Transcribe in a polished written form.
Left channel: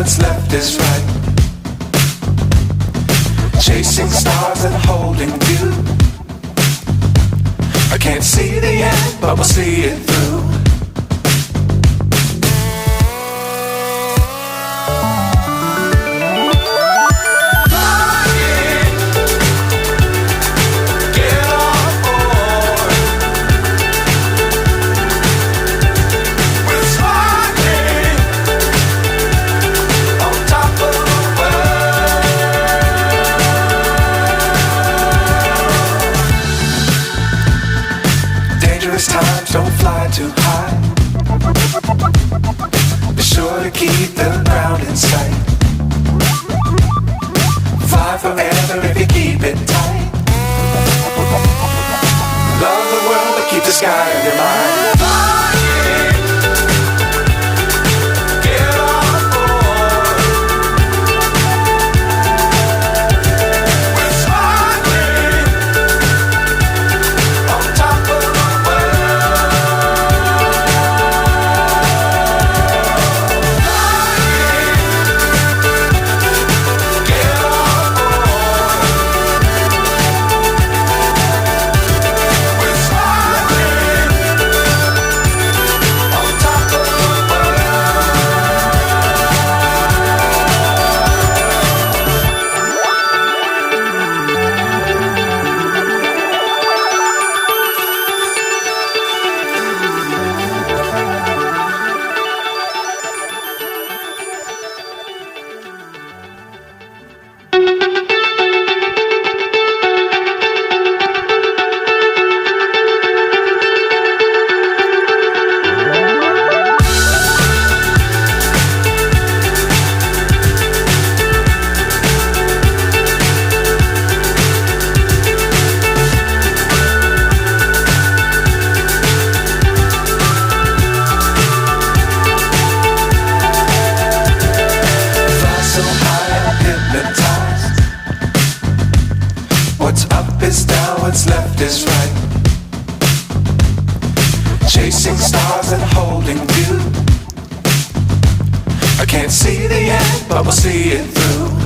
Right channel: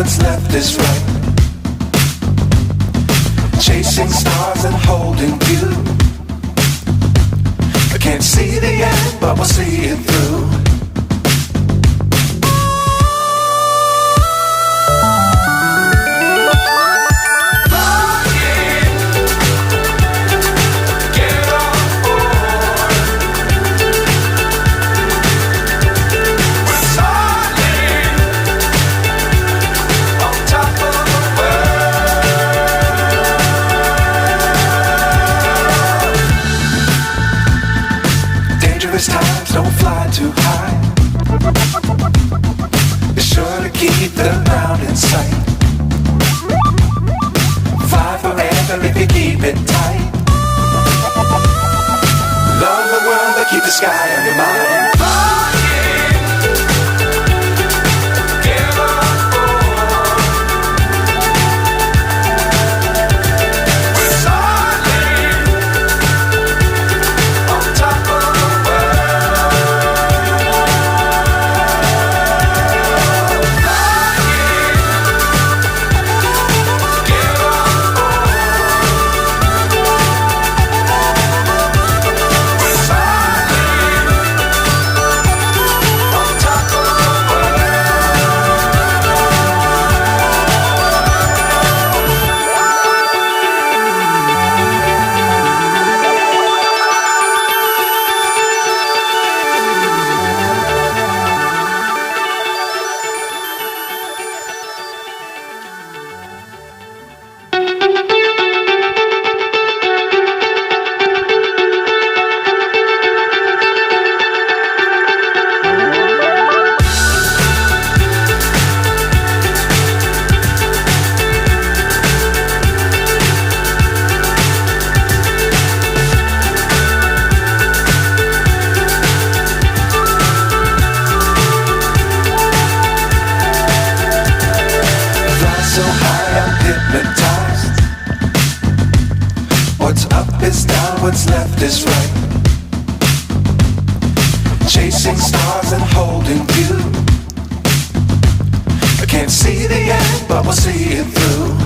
what's left is right. Chasing stars and holding you. I can't see the end, but we'll see it through. Times don't fly too high. Be sure to keep the ground in sight. Fly forever if you keep it tight. Love the world but keep the sky on your mind. So high I'm hypnotized. What's up is down, what's left is right. Chasing stars and holding you. I can't see the end, but we'll see it through.